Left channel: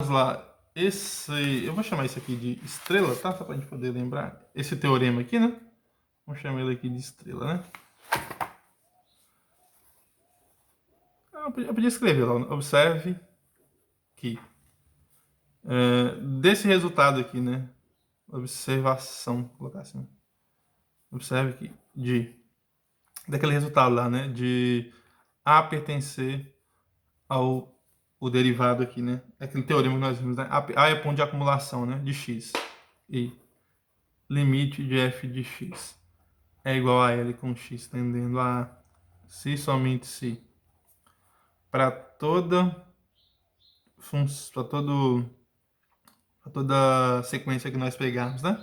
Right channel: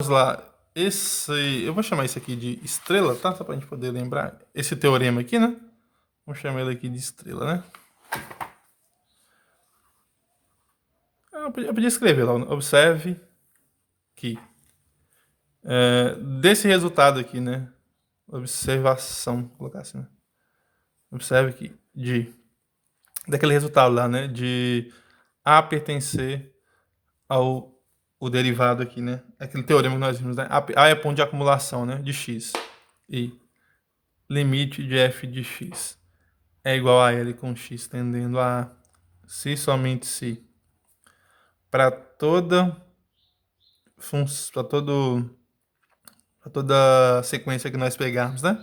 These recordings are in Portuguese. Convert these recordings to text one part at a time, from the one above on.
Vamos lá. Eu vou chamar isso aqui de estrela, tá? Só pra gente poder lembrar. Esse teorema aqui, né? Vamos chamar ele aqui de estrela, né? Eu podia escrever lá. Observe que desse resultado aqui, né? Observação, vou colocar assim, né? Observe que daquele resultado lá, né? De A pertencer ao o derivado aqui, né? Aquele teorema que nós vimos, né? A é ponto de acumulação, né? De x. E limite de f de x é igual a L com x tendendo a A, se somente se para toda sequência que nós pegarmos, né?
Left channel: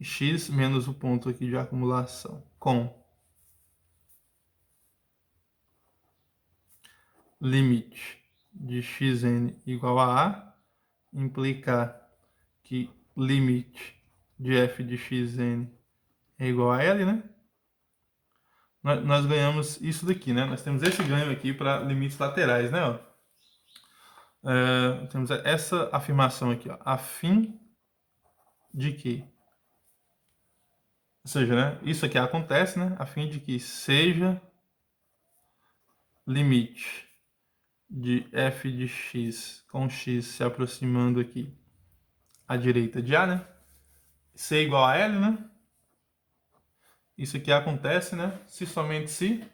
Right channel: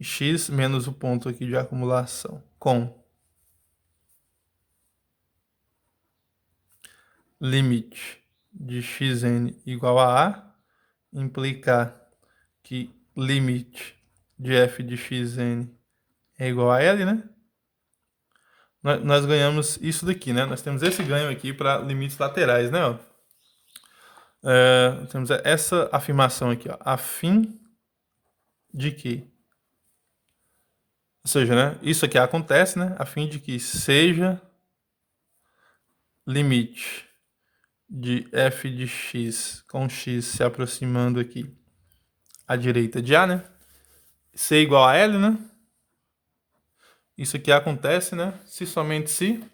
X menos o ponto aqui de acumulação com limite de xn igual a A, implicar que limite de f de xn é igual a L, né? Nós ganhamos isso daqui, né? Nós temos esse ganho aqui para limites laterais, né? Ó. Temos essa afirmação aqui, ó, a fim de que, ou seja, né, isso aqui acontece, né, a fim de que seja limite de f de x com x se aproximando aqui à direita de A, né, c igual a L, né, isso aqui acontece, né, se somente se,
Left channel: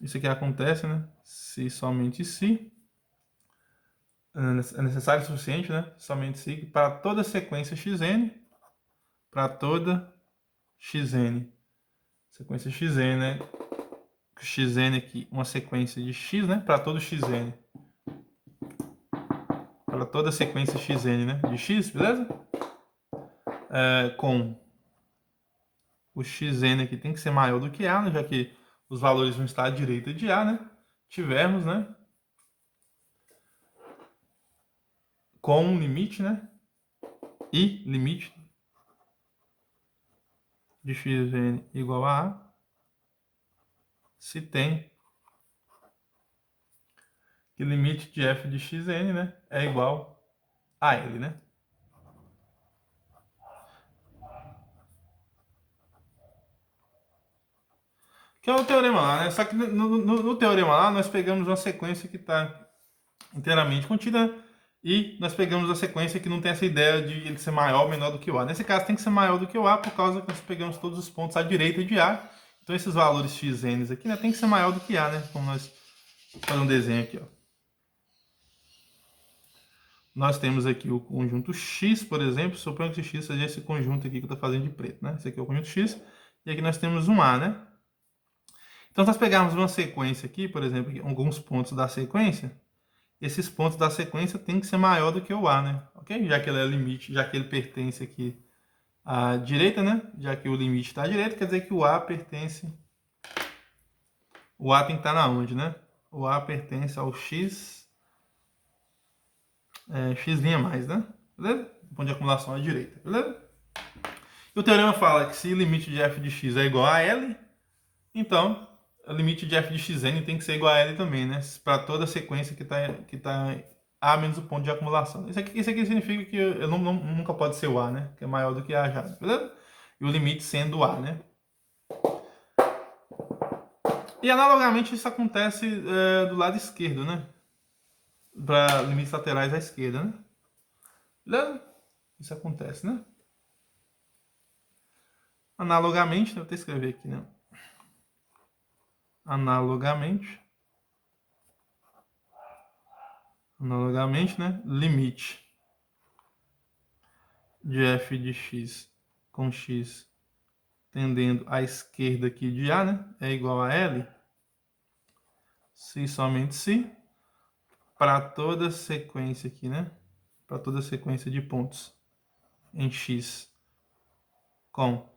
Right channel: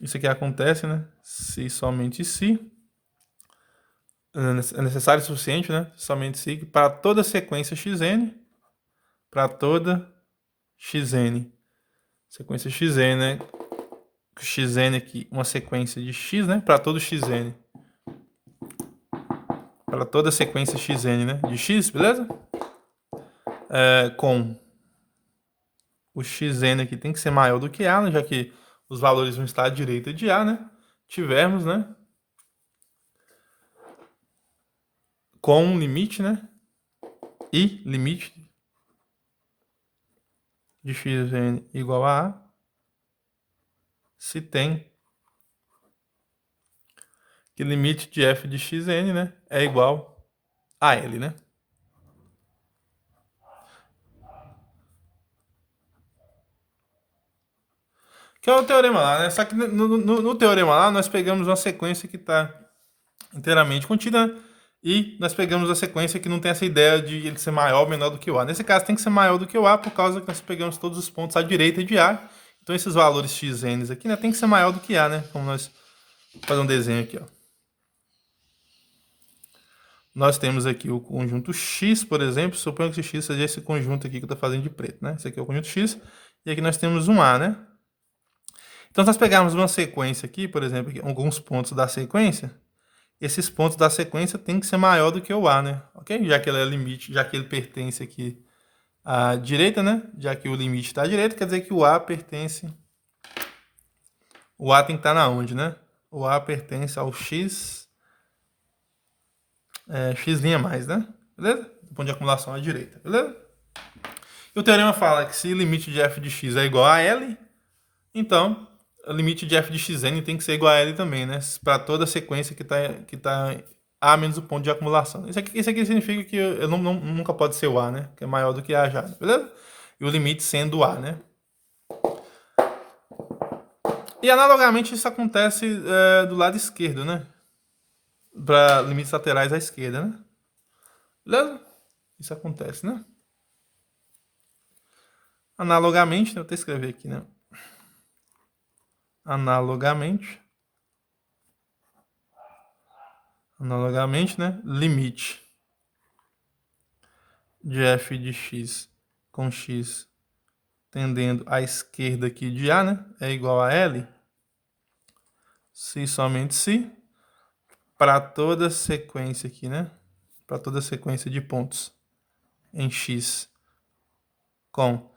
isso aqui acontece, né, se somente se, é necessário o suficiente, né, somente se, para toda sequência xn, para toda xn, sequência xn, né, xn aqui, uma sequência de x, né, para todo xn, para toda sequência xn, né, de x, beleza? Com o xn aqui tem que ser maior do que A, né, já que os valores vão estar à direita de A, né? Tivermos, né, com um limite, né, e limite de xn igual a A, se tem que limite de f de xn, né, é igual a L, né? Que é o teorema lá, né? Só que no teorema lá nós pegamos uma sequência que está inteiramente contida e nós pegamos a sequência que não tem essa ideia de ele ser maior ou menor do que o A. Nesse caso tem que ser maior do que o A por causa que nós pegamos todos os pontos à direita de A. Então esses valores xn aqui, né, tem que ser maior do que A, né? Como nós fazemos um desenho aqui, ó. Nós temos aqui o conjunto X, por exemplo. Suponho que esse X seja esse conjunto aqui que eu estou fazendo de preto, né? Esse aqui é o conjunto X. E aqui nós temos um A, né? Então, se nós pegarmos uma sequência aqui, por exemplo, aqui, alguns pontos da sequência, esses pontos da sequência tem que ser maior do que o A, né? Ok? Já que ele é limite, já que ele pertence aqui à direita, né? Já que o limite está à direita, quer dizer que o A pertence... O A tem que estar na onde, né? O A pertence ao X... X' mais, né? Beleza? Do ponto de acumulação à direita, beleza? E o teorema fala que se o limite de f de x é igual a L, então o limite de f de xn tem que ser igual a L também, né? Para toda sequência que tá A menos o ponto de acumulação. Isso aqui significa que eu nunca pode ser o A, né? Que é maior do que A já, beleza? E o limite sendo A, né? E analogamente isso acontece do lado esquerdo, né? Para limites laterais à esquerda, né? Beleza? Isso acontece, né? Analogamente, né? Vou até escrever aqui, né? Analogamente, né? Limite de f de x com x tendendo à esquerda aqui de A, né? É igual a L, se somente se, para toda sequência aqui, né? Para toda sequência de pontos em x com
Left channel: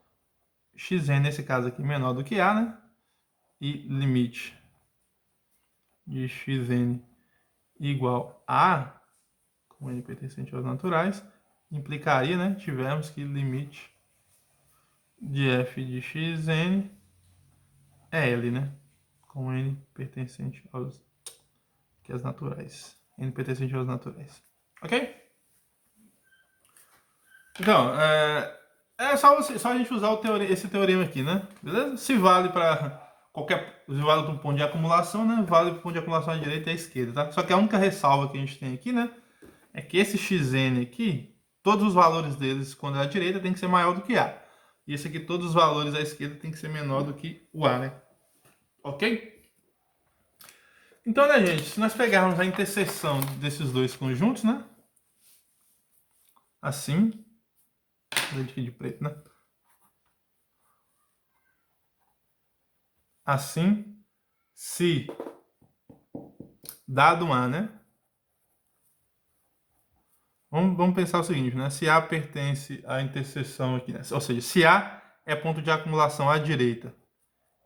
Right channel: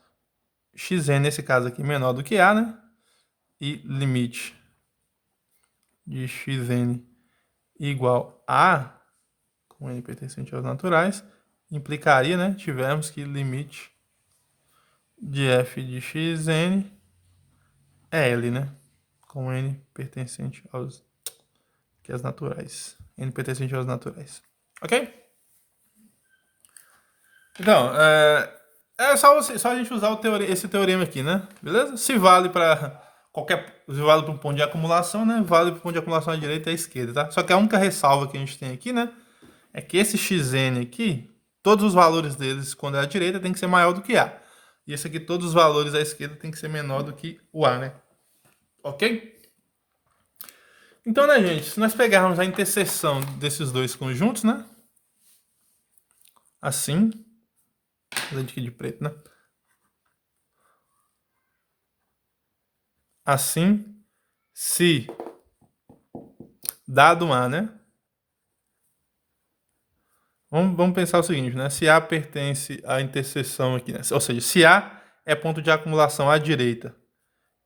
xn, nesse caso aqui, menor do que A, né? E limite de xn igual a A, com n pertencente aos naturais, implicaria, né? Tivemos que limite de f de xn é L, né? Com n pertencente aos naturais. n pertencente aos naturais. Ok? Então, é só a gente usar esse teorema aqui, né? Beleza? Se vale para se vale para um ponto de acumulação, né? Vale para o ponto de acumulação à direita e à esquerda, tá? Só que a única ressalva que a gente tem aqui, né? É que esse xn aqui, todos os valores deles, quando é à direita, tem que ser maior do que A. E esse aqui, todos os valores à esquerda, tem que ser menor do que o A, né? Ok? Então, né, gente? Se nós pegarmos a interseção desses dois conjuntos, né? Assim. Lente aqui de preto, né? Assim, se dado A, né? Vamos pensar o seguinte, né? Se A pertence à interseção aqui, né? Ou seja, se A é ponto de acumulação à direita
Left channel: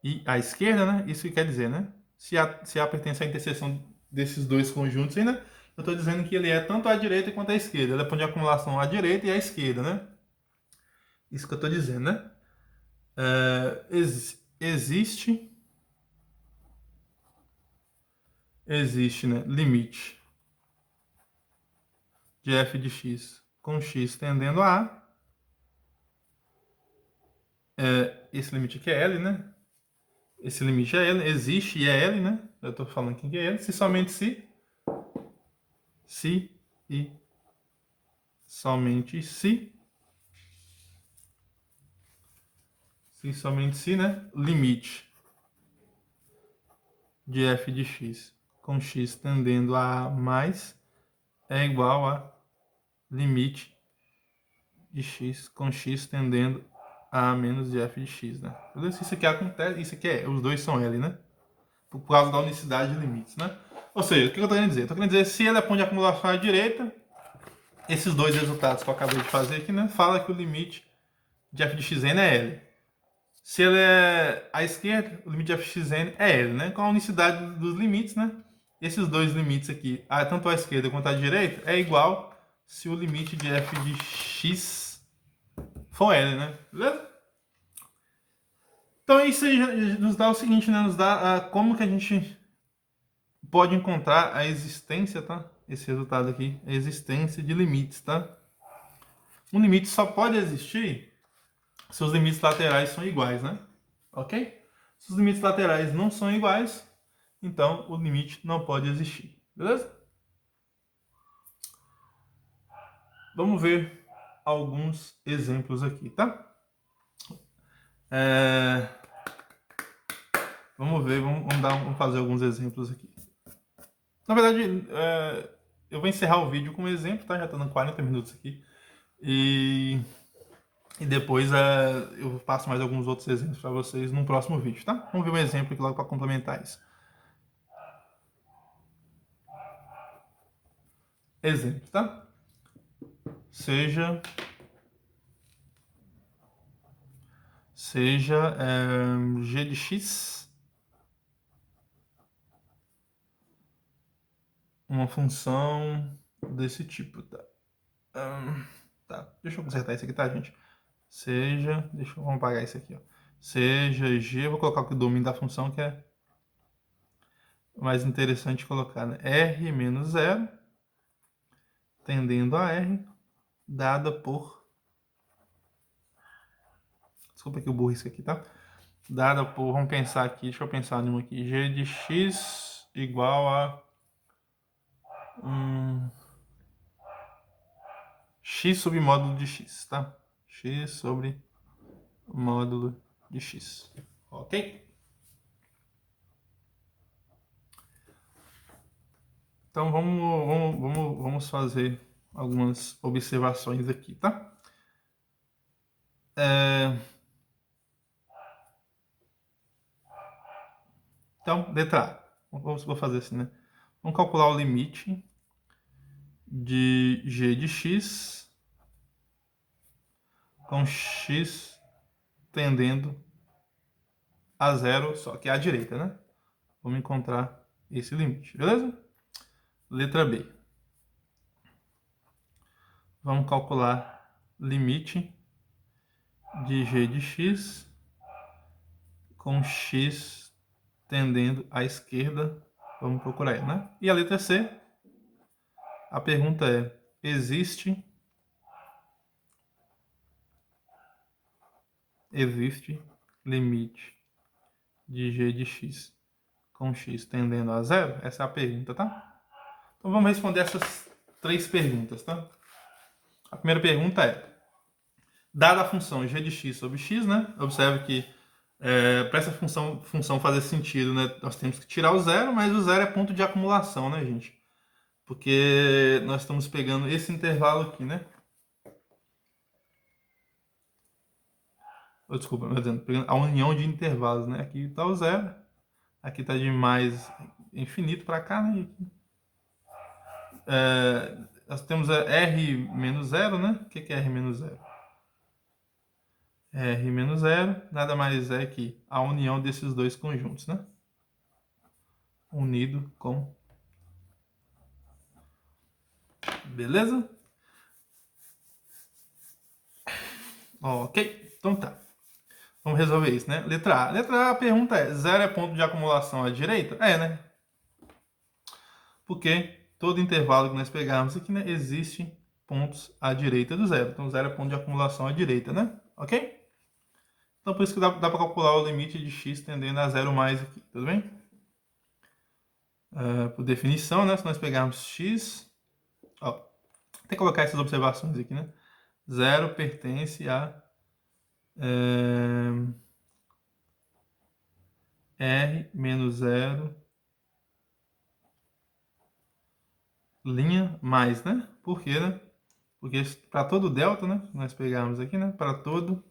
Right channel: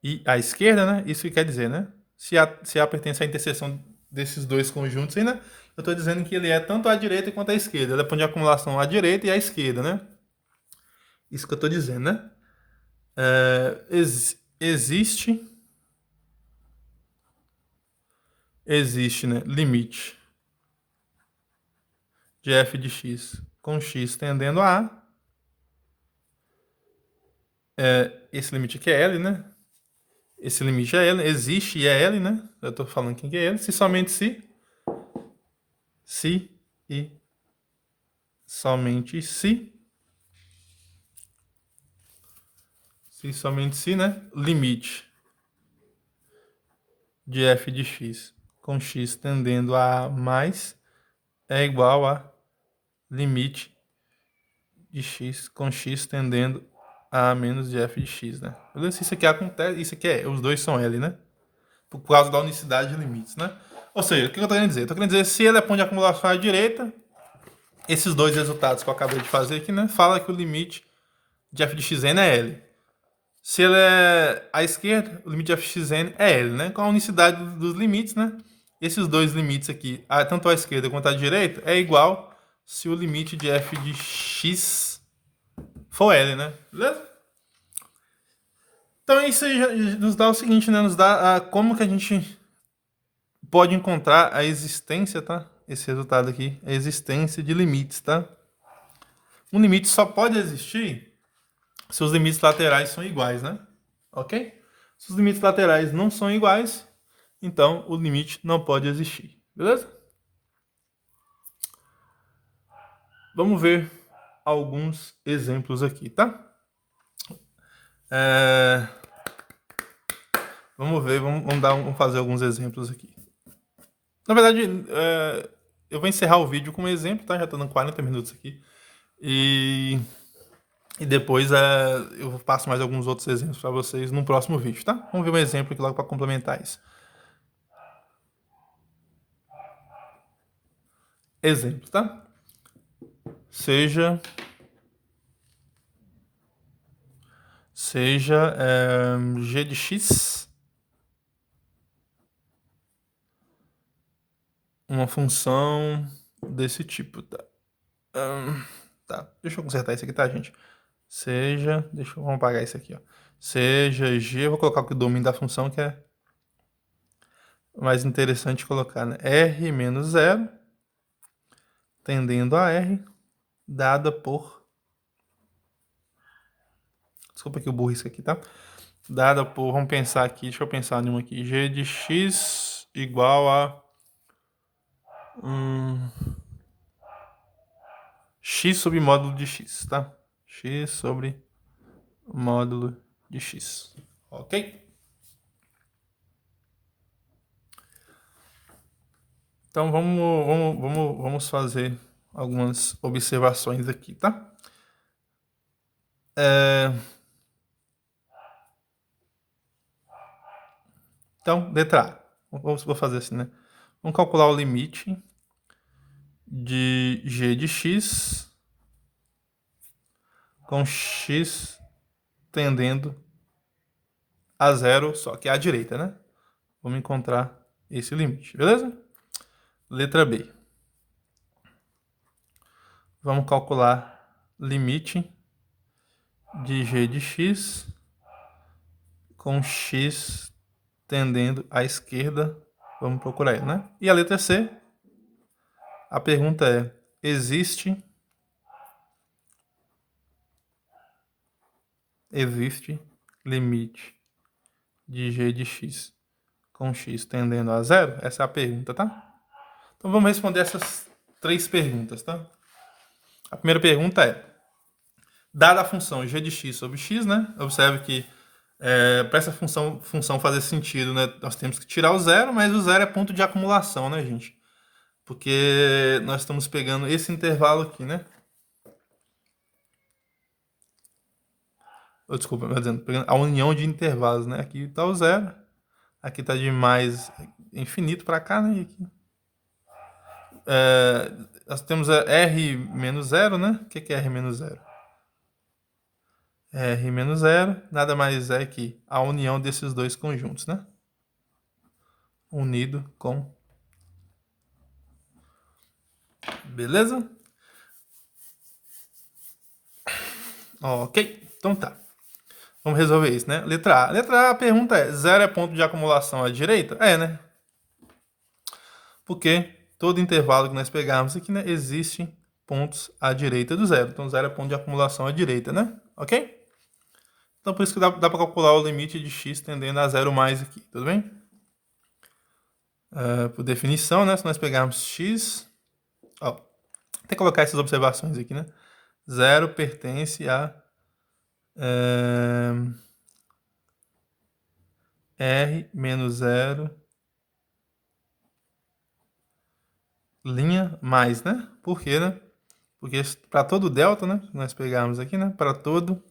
e à esquerda, né? Isso que quer dizer, né? Se A pertence à interseção desses dois conjuntos aí, né? Eu estou dizendo que ele é tanto à direita quanto à esquerda. Ele é ponto de acumulação à direita e à esquerda, né? Isso que eu estou dizendo, né? Existe, né? Limite de f de x com x tendendo a A. Esse limite aqui é L, né? Esse limite é L, existe e é L, né? Eu estou falando aqui que é L, se somente se e somente se somente se, né? Limite de f de x com x tendendo a mais é igual a limite de x com x tendendo a menos de f de x, né? Isso aqui acontece, isso aqui os dois são L, né? Por causa da unicidade de limites, né? Ou seja, o que eu estou querendo dizer? Estou querendo dizer, se ele é ponto de acumulação à direita, esses dois resultados que eu acabei de fazer aqui, né? Fala que o limite de f de xn é L. Se ele é à esquerda, o limite de f de xn é L, né? Com a unicidade dos limites, né? Esses dois limites aqui, tanto à esquerda quanto à direita, é igual se o limite de f de x for L, né? Beleza? Então isso aí nos dá o seguinte, né? Nos dá como que a gente pode encontrar a existência, tá? Esse resultado aqui, a existência de limites, tá? Um limite só pode existir se os limites laterais são iguais, né? Ok? Se os limites laterais não são iguais, então o limite não pode existir. Beleza? Vamos ver alguns exemplos aqui, tá? Vamos fazer alguns exemplos aqui. Na verdade, eu vou encerrar o vídeo com um exemplo, tá? Já tô dando 40 minutos aqui. E depois eu passo mais alguns outros exemplos para vocês no próximo vídeo, tá? Vamos ver um exemplo aqui logo para complementar isso. Exemplo, tá? Seja g de x uma função desse tipo, tá? Tá, deixa eu consertar isso aqui, tá, gente? Vamos apagar isso aqui, ó. Seja g, eu vou colocar o domínio da função, que é mais interessante colocar, né? R menos 0, tendendo a R, dada por... Desculpa que eu burro isso aqui, tá? Dada por, vamos pensar aqui, deixa eu pensar numa aqui. G de x igual a... x sobre módulo de x, tá? X sobre módulo de x. Ok? Então vamos fazer algumas observações aqui, tá? Então, letra A. Vou fazer assim, né? Vamos calcular o limite de g de x com x tendendo a zero, só que à direita, né? Vamos encontrar esse limite, beleza? Letra B. Vamos calcular limite de g de x com x tendendo à esquerda. Vamos procurar ele, né? E a letra C, A pergunta é, existe limite de g de x com x tendendo a zero? Essa é a pergunta, tá? Então vamos responder essas 3 perguntas, tá? A primeira pergunta é, dada a função g de x sobre x, né? Observe que para essa função fazer sentido, né? Nós temos que tirar o zero, mas o zero é ponto de acumulação, né, gente? Porque nós estamos pegando esse intervalo aqui, né? Desculpa, pegando a união de intervalos, né? Aqui está o zero, aqui está de mais infinito para cá, né? Aqui. Nós temos R menos zero, né? O que é R menos zero? R menos zero nada mais é que a união desses dois conjuntos, né? Unido com... Beleza? Ok, então tá. Vamos resolver isso, né? Letra A. Letra A, a pergunta é, zero é ponto de acumulação à direita? É, né? Porque todo intervalo que nós pegarmos aqui, né, existem pontos à direita do zero. Então, zero é ponto de acumulação à direita, né? Ok? Então, por isso que dá para calcular o limite de x tendendo a zero mais aqui, tudo bem? Por definição, né, se nós pegarmos x... Ó, tem que colocar essas observações aqui, né? Zero pertence a... R menos zero linha mais, né? Por quê, né? Porque para todo delta, né? Nós pegarmos aqui, né? Para todo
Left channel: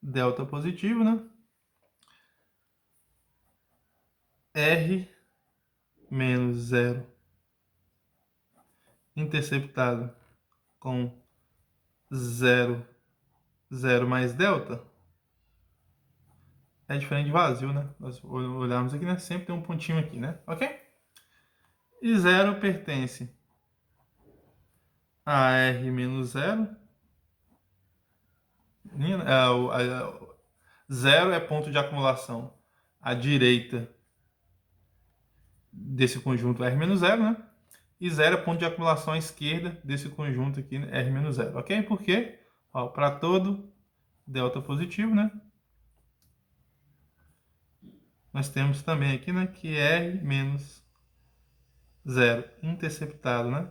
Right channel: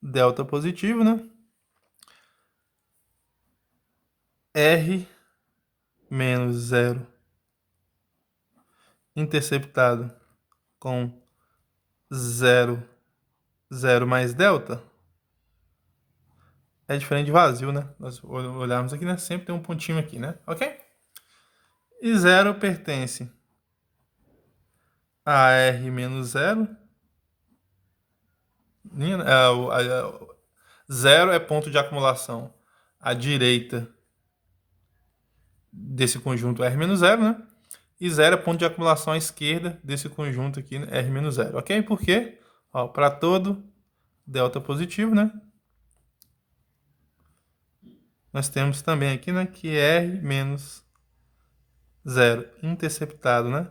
delta positivo, né? R menos zero interceptado com zero, zero mais delta é diferente de vazio, né? Nós olharmos aqui, né? Sempre tem um pontinho aqui, né? Ok? E zero pertence a R menos zero. Zero é ponto de acumulação à direita desse conjunto R menos zero, né? E zero é ponto de acumulação à esquerda desse conjunto aqui, né? R menos zero, ok? Por quê? Para todo delta positivo, né? Nós temos também aqui, né? Que R menos zero interceptado, né?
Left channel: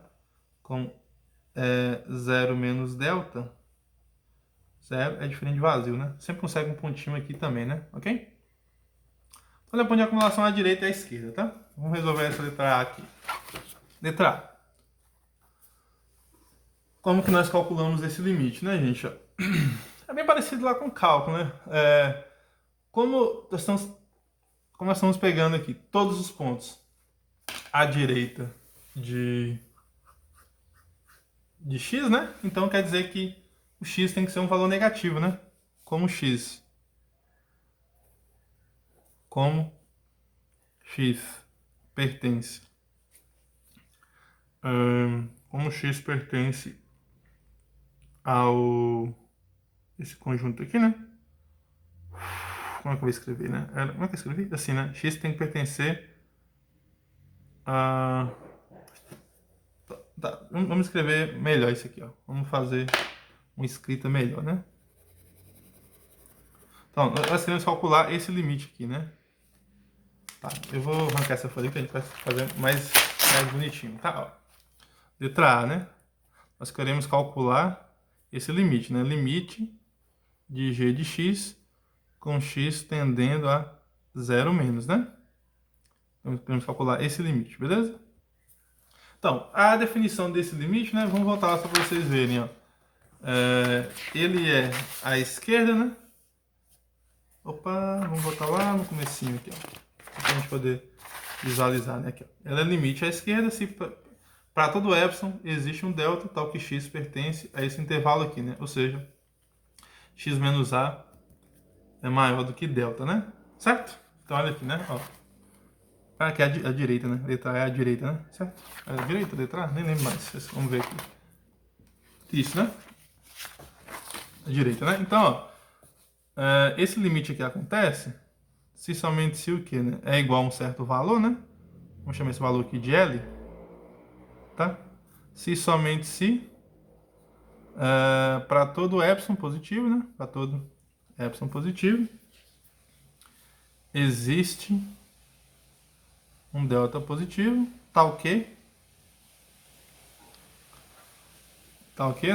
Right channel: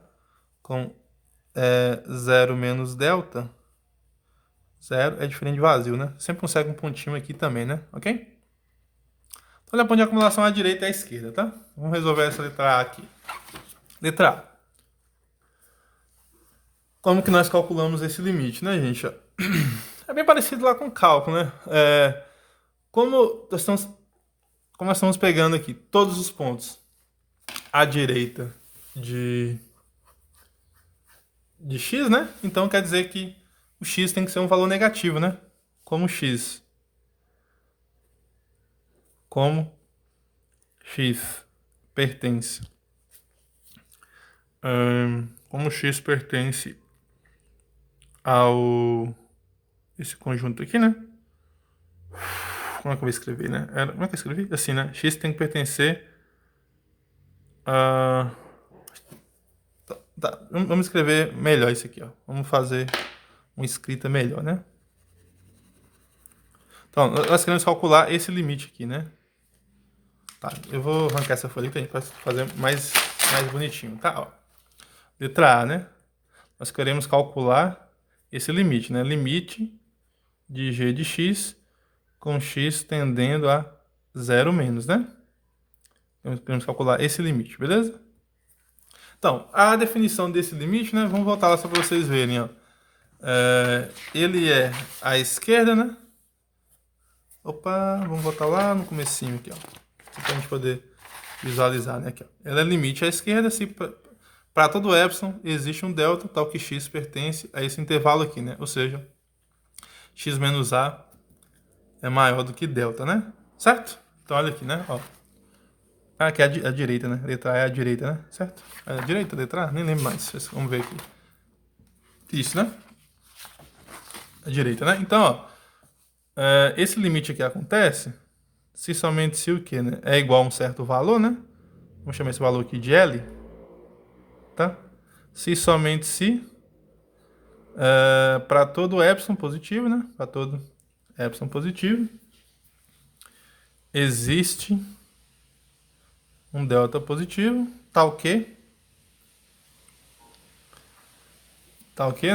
Com zero menos delta. Zero é diferente de vazio, né? Sempre consegue um pontinho aqui também, né? Ok? Então, olha, ponto de acumulação à direita e à esquerda, tá? Vamos resolver essa letra A aqui. Letra A. Como que nós calculamos esse limite, né, gente? É bem parecido lá com o cálculo, né? Como nós estamos pegando aqui todos os pontos à direita de x, né? Então quer dizer que o x tem que ser um valor negativo, né? Como x pertence como x pertence ao esse conjunto aqui, né? Como é que eu vou escrever, né? Como é que eu escrevi? Assim, né? X tem que pertencer a... Tá. Vamos escrever melhor isso aqui, ó. Vamos fazer uma escrita melhor, né? Então, nós queremos calcular esse limite aqui, né? Tá, eu vou arrancar essa folha aqui para fazer mais bonitinho, tá? Ó. Letra A, né? Nós queremos calcular esse limite, né? Limite de g de x com x tendendo a zero menos, né? Queremos calcular esse limite, beleza? Então, a definição desse limite, né? Vamos voltar lá só para vocês verem, ó. Ele é à esquerda, né? Opa, vamos voltar lá no comecinho aqui, ó. Para a gente poder visualizar, né? Aqui, ó. Ela é limite à esquerda se para todo epsilon existe um delta, tal que x pertence a esse intervalo aqui, né? Ou seja, x menos a é maior do que delta, né? Certo? Então, olha aqui, né? Ó. Aqui é a direita, né? Letra A é a direita, né? Certo? É a direita, letra A? Nem lembro mais. Vamos ver aqui. Isso, né? A direita, né? Então, ó. Esse limite aqui acontece se somente se o quê, né? É igual a um certo valor, né? Vamos chamar esse valor aqui de L. Tá? se somente se, para todo epsilon positivo, né? Para todo epsilon positivo, existe um delta positivo, tal que,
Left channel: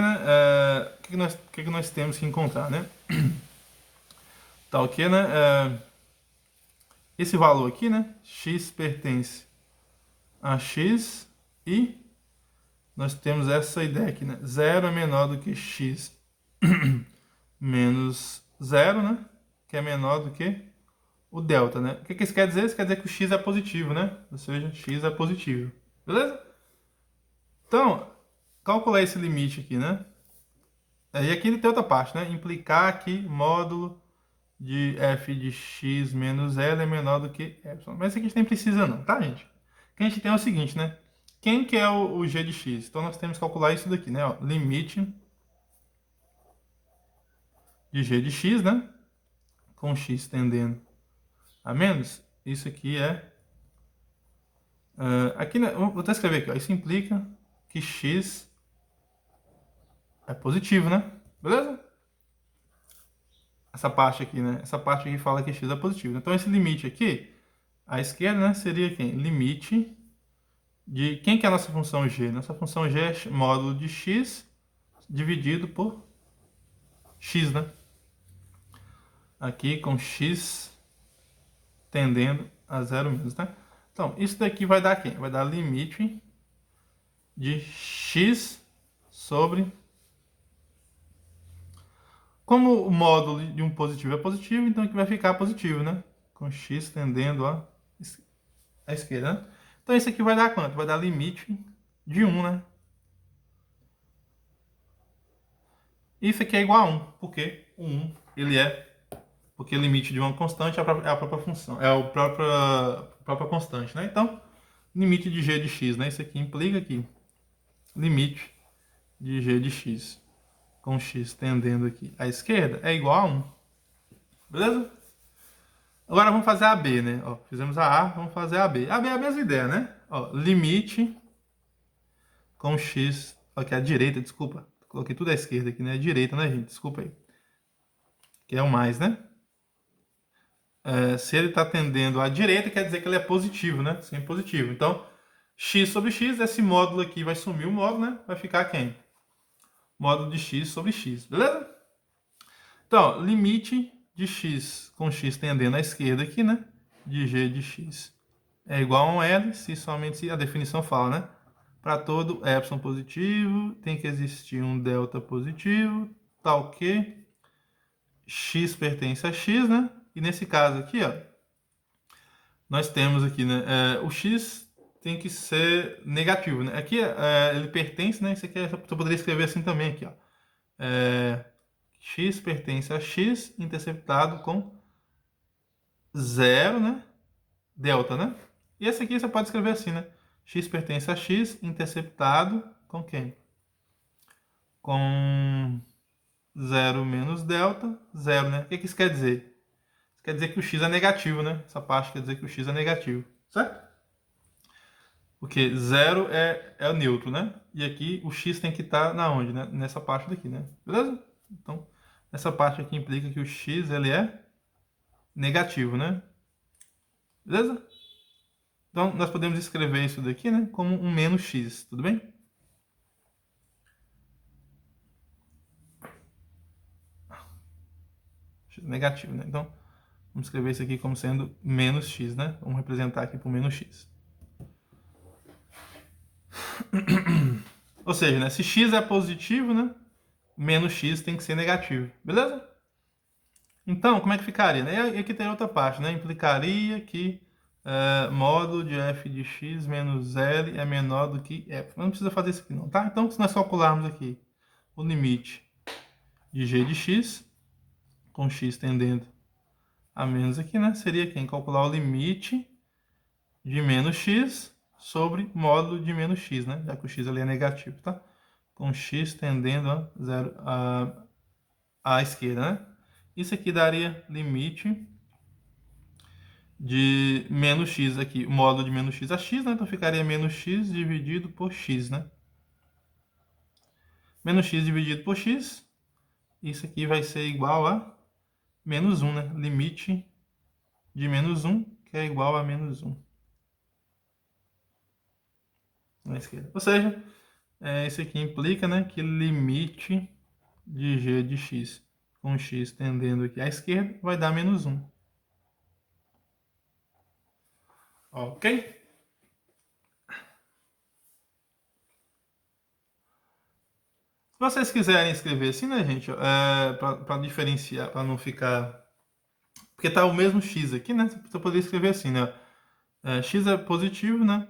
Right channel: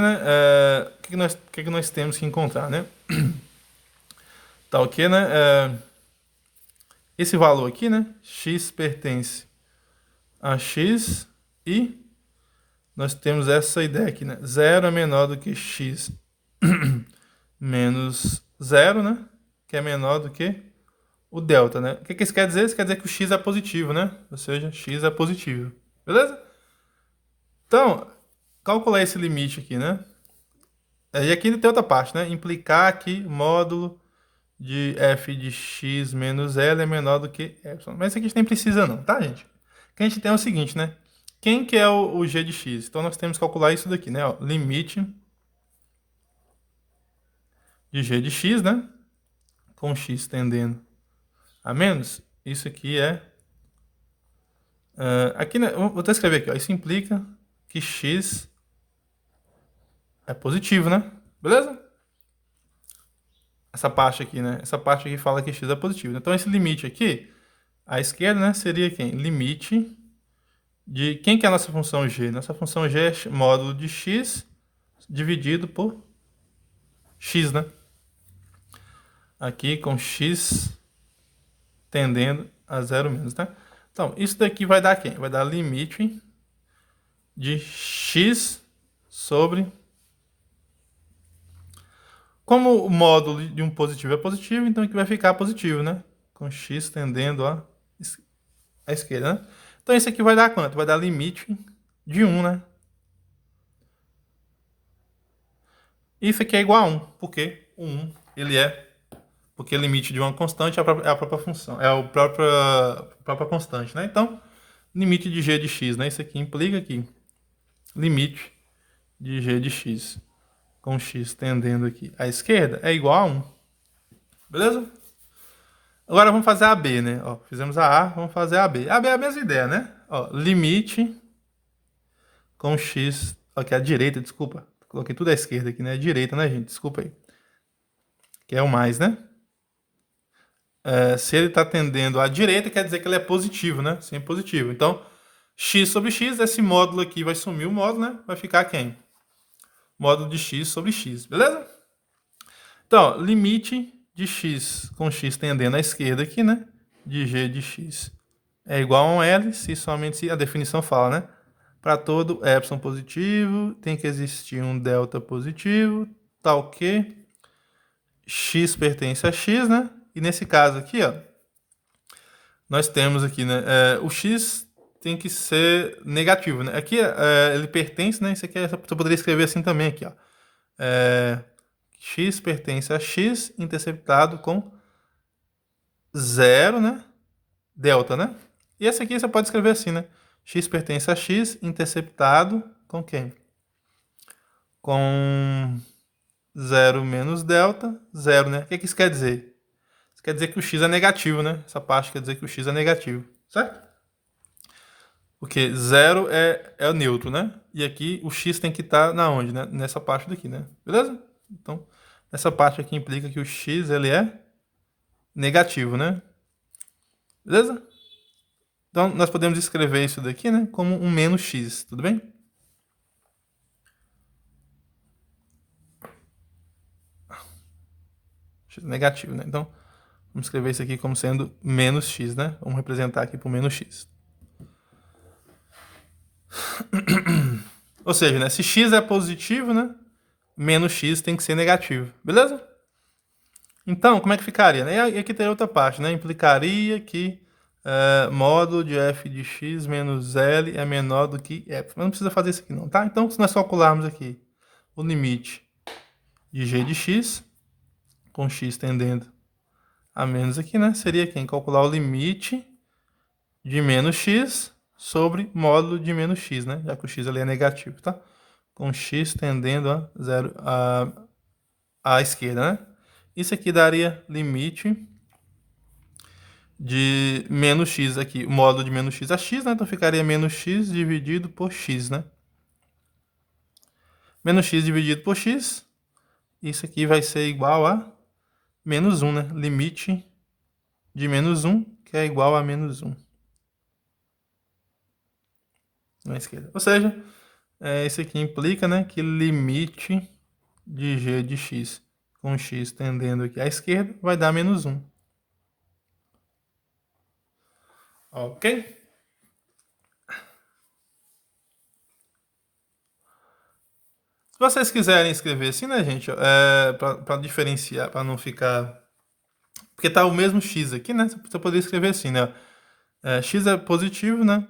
né? O que nós temos que encontrar, né? Tal que, né? Esse valor aqui, né? X pertence a X e nós temos essa ideia aqui, né? 0 é menor do que X menos 0, né? Que é menor do que o delta, né? O que isso quer dizer? Isso quer dizer que o X é positivo, né? Ou seja, X é positivo. Beleza? Então, calcular esse limite aqui, né? E aqui tem outra parte, né? Implicar que módulo de f de x menos L é menor do que epsilon. Mas isso aqui a gente nem precisa não, tá, gente? O que a gente tem é o seguinte, né? Quem que é o g de x? Então, nós temos que calcular isso daqui, né? Ó, limite de g de x, né? Com x tendendo a menos. Isso aqui é... aqui, né? Vou até escrever aqui, ó. Isso implica que x é positivo, né? Beleza? Essa parte aqui, né? Essa parte aqui fala que x é positivo. Então, esse limite aqui, à esquerda, né? Seria quem? Limite de... Quem que é a nossa função g? Nossa função g é módulo de x dividido por x, né? Aqui com x tendendo a 0 menos, né? Então, isso daqui vai dar quem? Vai dar limite de x sobre... Como o módulo de um positivo é positivo, então aqui vai ficar positivo, né? Com x tendendo à esquerda, né? Então, isso aqui vai dar quanto? Vai dar limite de 1, né? Isso aqui é igual a 1, porque o 1, ele é... Porque o limite de uma constante é a própria função, é a própria constante, né? Então, limite de g de x, né? Isso aqui implica aqui. Limite de g de x com x tendendo aqui à esquerda é igual a 1. Beleza? Agora vamos fazer a B, né? Ó, fizemos a vamos fazer a B. A B é a mesma ideia, né? Ó, limite com x... Aqui, a direita, desculpa. Coloquei tudo à esquerda aqui, né? A direita, né, gente? Desculpa aí. Que é o mais, né? Se ele está tendendo à direita, quer dizer que ele é positivo, né? Sempre positivo. Então, x sobre x, esse módulo aqui vai sumir o módulo, né? Vai ficar quem? Módulo de x sobre x, beleza? Então, limite de x com x tendendo à esquerda aqui, né? De g de x é igual a um L, se somente se a definição fala, né? Para todo epsilon positivo, tem que existir um delta positivo, tal que x pertence a x, né? E nesse caso aqui, ó, nós temos aqui, né? O x tem que ser negativo, né? Aqui ele pertence, né? Isso aqui você poderia escrever assim também, aqui, ó. X pertence a x interceptado com 0, né? Delta, né? E esse aqui você pode escrever assim, né? X pertence a x interceptado com quem? Com 0 menos delta, 0, né? O que isso quer dizer? Isso quer dizer que o x é negativo, né? Essa parte quer dizer que o x é negativo, certo? Porque 0 é o neutro, né? E aqui o x tem que estar na onde, né? Nessa parte daqui, né? Beleza? Então, essa parte aqui implica que o x ele é negativo, né? Beleza? Então, nós podemos escrever isso daqui, né? Como um menos x, tudo bem? X negativo, né? Então, vamos escrever isso aqui como sendo menos x, né? Vamos representar aqui por menos x. Ou seja, né? Se x é positivo, né? Menos x tem que ser negativo, beleza? Então, como é que ficaria, né? E aqui tem outra parte, né? Implicaria que módulo de f de x menos L é menor do que f. Mas não precisa fazer isso aqui não, tá? Então, se nós calcularmos aqui o limite de g de x, com x tendendo a menos aqui, né? Seria quem? Calcular o limite de menos x sobre módulo de menos x, né? Já que o x ali é negativo, tá? Com x tendendo a zero à esquerda, né? Isso aqui daria limite de menos x aqui, o módulo de menos x a x, né? Então ficaria menos x dividido por x, né? Menos x dividido por x, isso aqui vai ser igual a menos 1, né? Limite de menos 1, que é igual a menos 1. Na esquerda. Ou seja, isso aqui implica, né, que limite de g de x com x tendendo aqui à esquerda vai dar menos 1. Ok? Se vocês quiserem escrever assim, né, gente, para diferenciar, para não ficar... Porque tá o mesmo x aqui, né? Você poderia escrever assim, né? X é positivo, né?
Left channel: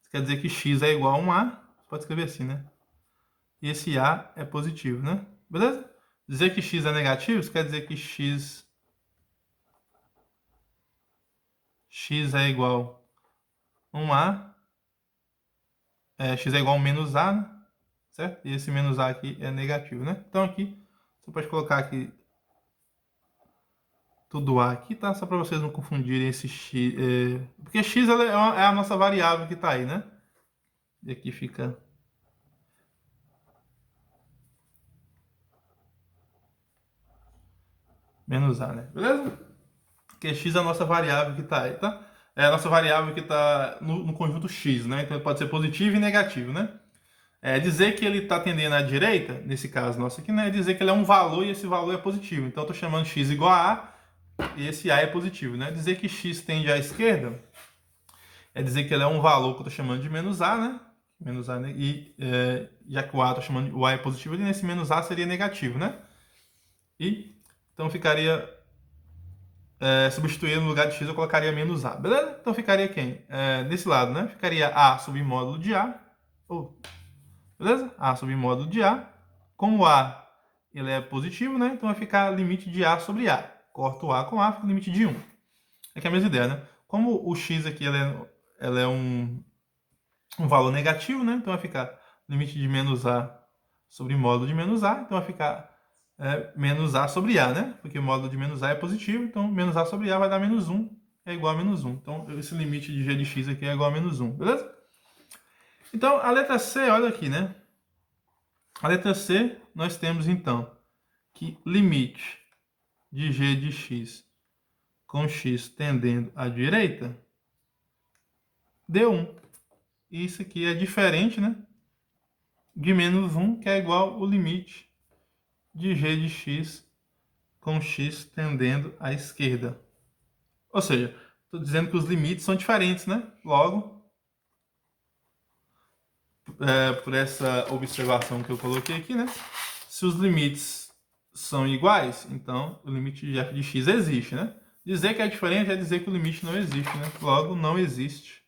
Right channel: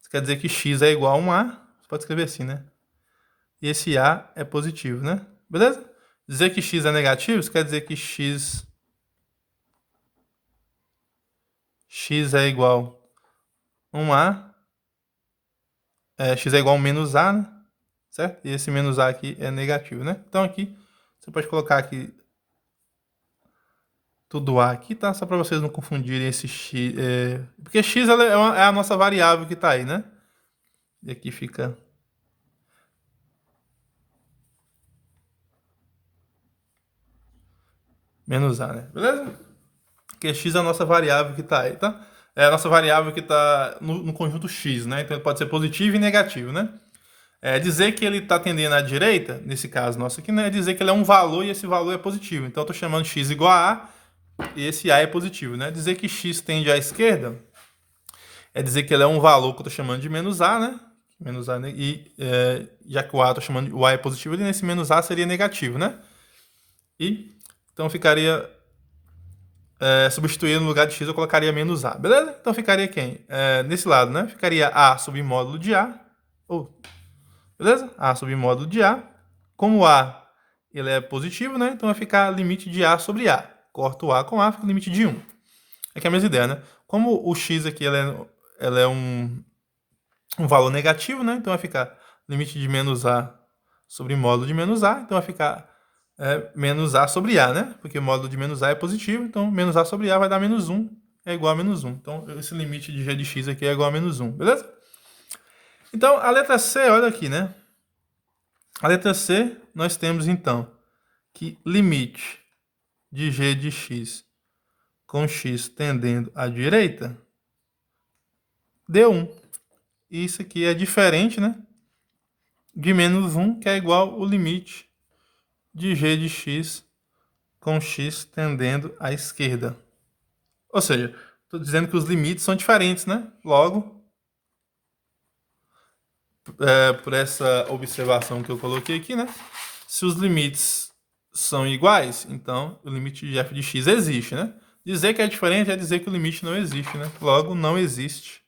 Isso quer dizer que x é igual a 1a. Você pode escrever assim, né? E esse a é positivo, né? Beleza? Dizer que x é negativo, isso quer dizer que x é igual a 1a. X é igual a menos a, né? Certo? E esse menos a aqui é negativo, né? Então aqui, você pode colocar aqui tudo a aqui, tá? Só para vocês não confundirem esse x. Porque x é a nossa variável que tá aí, né? E aqui fica... menos a, né? Beleza? Porque x é a nossa variável que tá aí, tá? É a nossa variável que tá no conjunto x, né? Então ele pode ser positivo e negativo, né? Dizer que ele está tendendo à direita, nesse caso nosso aqui, né? É dizer que ele é um valor e esse valor é positivo. Então eu estou chamando x igual a e esse a é positivo, né? Dizer que x tende à esquerda é dizer que ele é um valor que eu estou chamando de menos a, né? Menos a, né? E já que o a eu estou chamando de o a é positivo, ali nesse menos a seria negativo, né? E então ficaria substituir no lugar de x eu colocaria menos a, beleza? Então ficaria quem? Nesse lado, né? Ficaria a sobre módulo de a, beleza? A sobre módulo de a. Como a ele é positivo, né? Então vai ficar limite de a sobre a. Corto o a com a, fica limite de 1. Aqui é a mesma ideia, né? Como o x aqui ela é um valor negativo, né? Então vai ficar limite de menos a sobre módulo de menos a. Então vai ficar menos a sobre a, né? Porque o módulo de menos a é positivo, então menos a sobre a vai dar menos 1, é igual a menos 1. Então esse limite de g de x aqui é igual a menos 1, beleza? Então a letra C, olha aqui, né? A letra C, nós temos então que limite de g de x com x tendendo à direita deu 1. E isso aqui é diferente, né? De menos 1, que é igual ao limite de g de x com x tendendo à esquerda. Ou seja, estou dizendo que os limites são diferentes, né? Logo, por essa observação que eu coloquei aqui, né? Se os limites são iguais, então o limite de f de x existe, né? Dizer que é diferente é dizer que o limite não existe, né? Logo, não existe.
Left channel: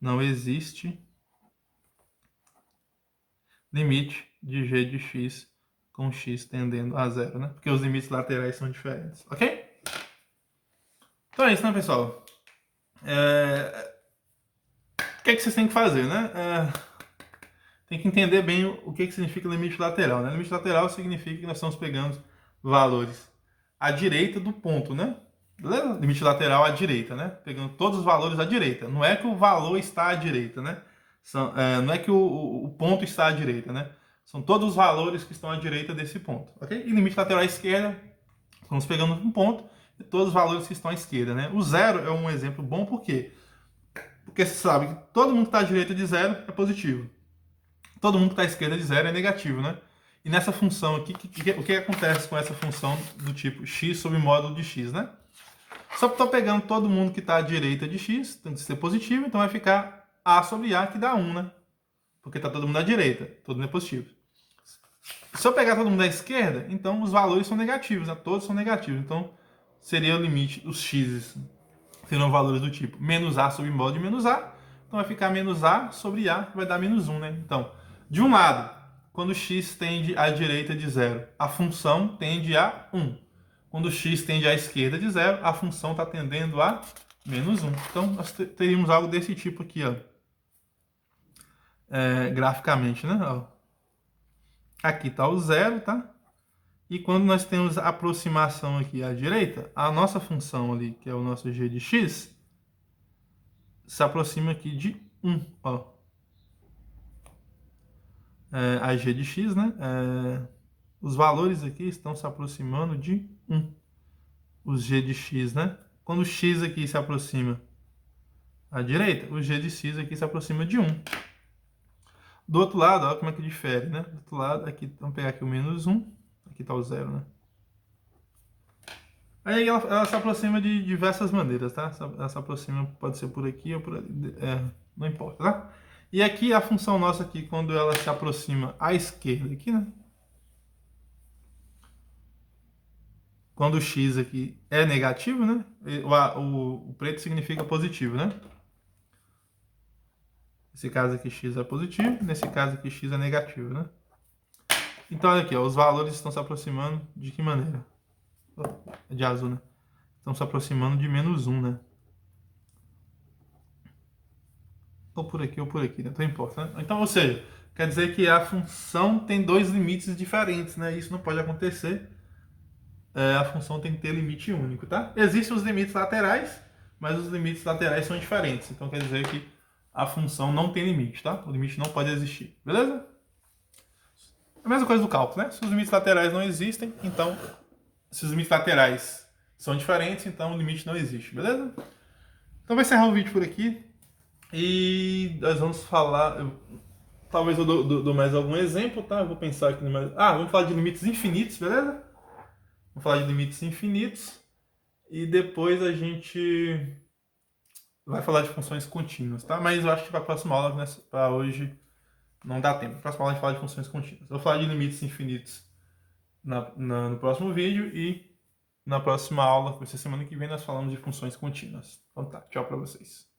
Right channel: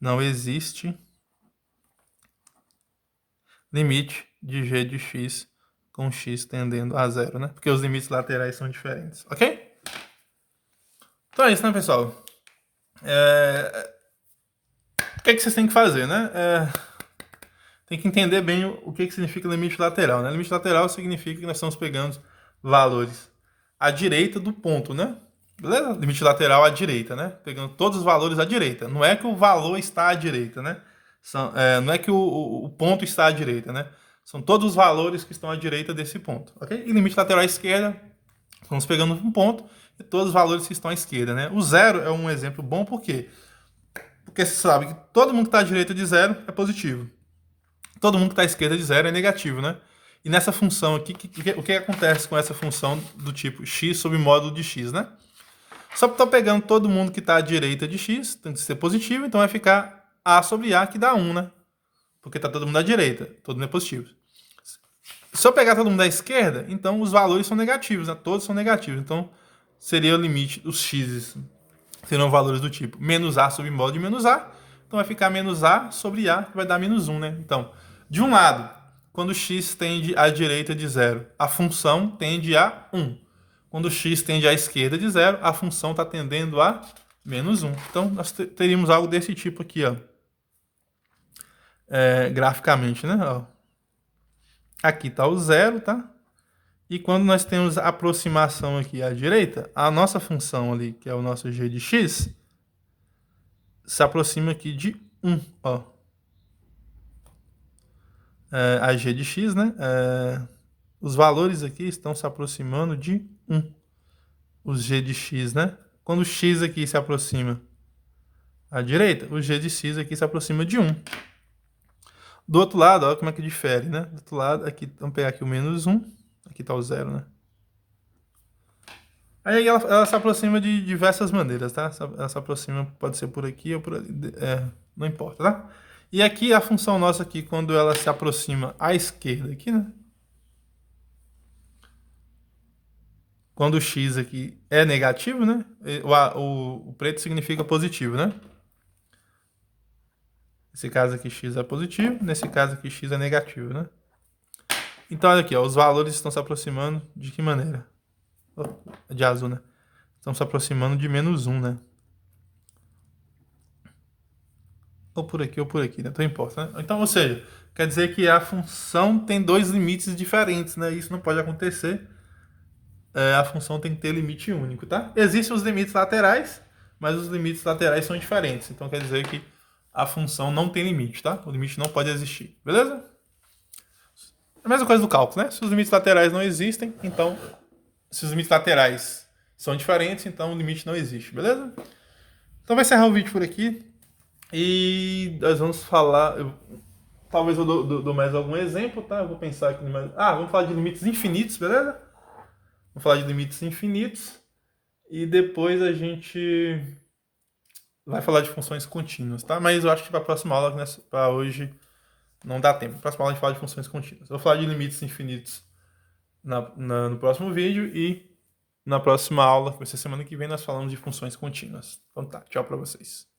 Não existe limite de g de x com x tendendo a zero, né? Porque os limites laterais são diferentes, ok? Então é isso, né, pessoal? O que é que vocês têm que fazer, né? Tem que entender bem o que significa limite lateral, né? Limite lateral significa que nós estamos pegando valores à direita do ponto, né? Beleza? Limite lateral à direita, né? Pegando todos os valores à direita. Não é que o valor está à direita, né? Não é que o ponto está à direita, né? São todos os valores que estão à direita desse ponto, ok? E limite lateral à esquerda, estamos pegando um ponto e todos os valores que estão à esquerda, né? O zero é um exemplo bom, por quê? Porque você sabe que todo mundo que está à direita de zero é positivo. Todo mundo que está à esquerda de zero é negativo, né? E nessa função aqui, o que acontece com essa função do tipo x sobre módulo de x, né? Só que estou pegando todo mundo que está à direita de x, tem que ser positivo, então vai ficar a sobre a, que dá 1, né? Porque está todo mundo à direita, todo mundo é positivo. Se eu pegar todo mundo da esquerda, então os valores são negativos, né? Todos são negativos. Então seria o limite dos x, serão valores do tipo menos a sobre módulo de menos a. Então vai ficar menos a sobre a, que vai dar menos 1, né? Então, de um lado, quando x tende à direita de zero, a função tende a 1. Quando x tende à esquerda de zero, a função está tendendo a menos 1. Então, nós teríamos algo desse tipo aqui, ó. Graficamente, né? Ó. Aqui está o zero, tá? E quando nós temos a aproximação aqui à direita, a nossa função ali, que é o nosso g de x, se aproxima aqui de 1, ó. a g de x, né? Os valores aqui estão se aproximando de 1. Os g de x, né? Quando o x aqui se aproxima à direita, o g de x aqui se aproxima de 1. Do outro lado, olha como é que difere, né? Do outro lado, aqui, vamos pegar aqui o menos 1. Aqui está o 0, né? Aí ela se aproxima de diversas maneiras, tá? Ela se aproxima, pode ser por aqui ou por ali, não importa, tá? E aqui a função nossa aqui, quando ela se aproxima à esquerda aqui, né? Quando o x aqui é negativo, né? O preto significa positivo, né? Nesse caso aqui x é positivo, nesse caso aqui x é negativo, né? Então olha aqui, ó, os valores estão se aproximando de que maneira? De azul, né? Estão se aproximando de menos 1, né? Ou por aqui, né? Não importa, né? Então, ou seja, quer dizer que a função tem dois limites diferentes, né? Isso não pode acontecer. A função tem que ter limite único, tá? Existem os limites laterais, mas os limites laterais são diferentes. Então, quer dizer que a função não tem limite, tá? O limite não pode existir, beleza? A mesma coisa do cálculo, né? Se os limites laterais não existem, então... Se os limites laterais são diferentes, então o limite não existe, beleza? Então vai encerrar o vídeo por aqui. E nós vamos falar... Talvez eu dou mais algum exemplo, tá? Eu vou pensar aqui no mais... vamos falar de limites infinitos, beleza? Vamos falar de limites infinitos. E depois a gente vai falar de funções contínuas, tá? Mas eu acho que para a próxima aula, né, para hoje, não dá tempo. Na próxima aula a gente fala de funções contínuas. Eu vou falar de limites infinitos no próximo vídeo e na próxima aula, que vai ser semana que vem, nós falamos de funções contínuas. Então tá, tchau para vocês.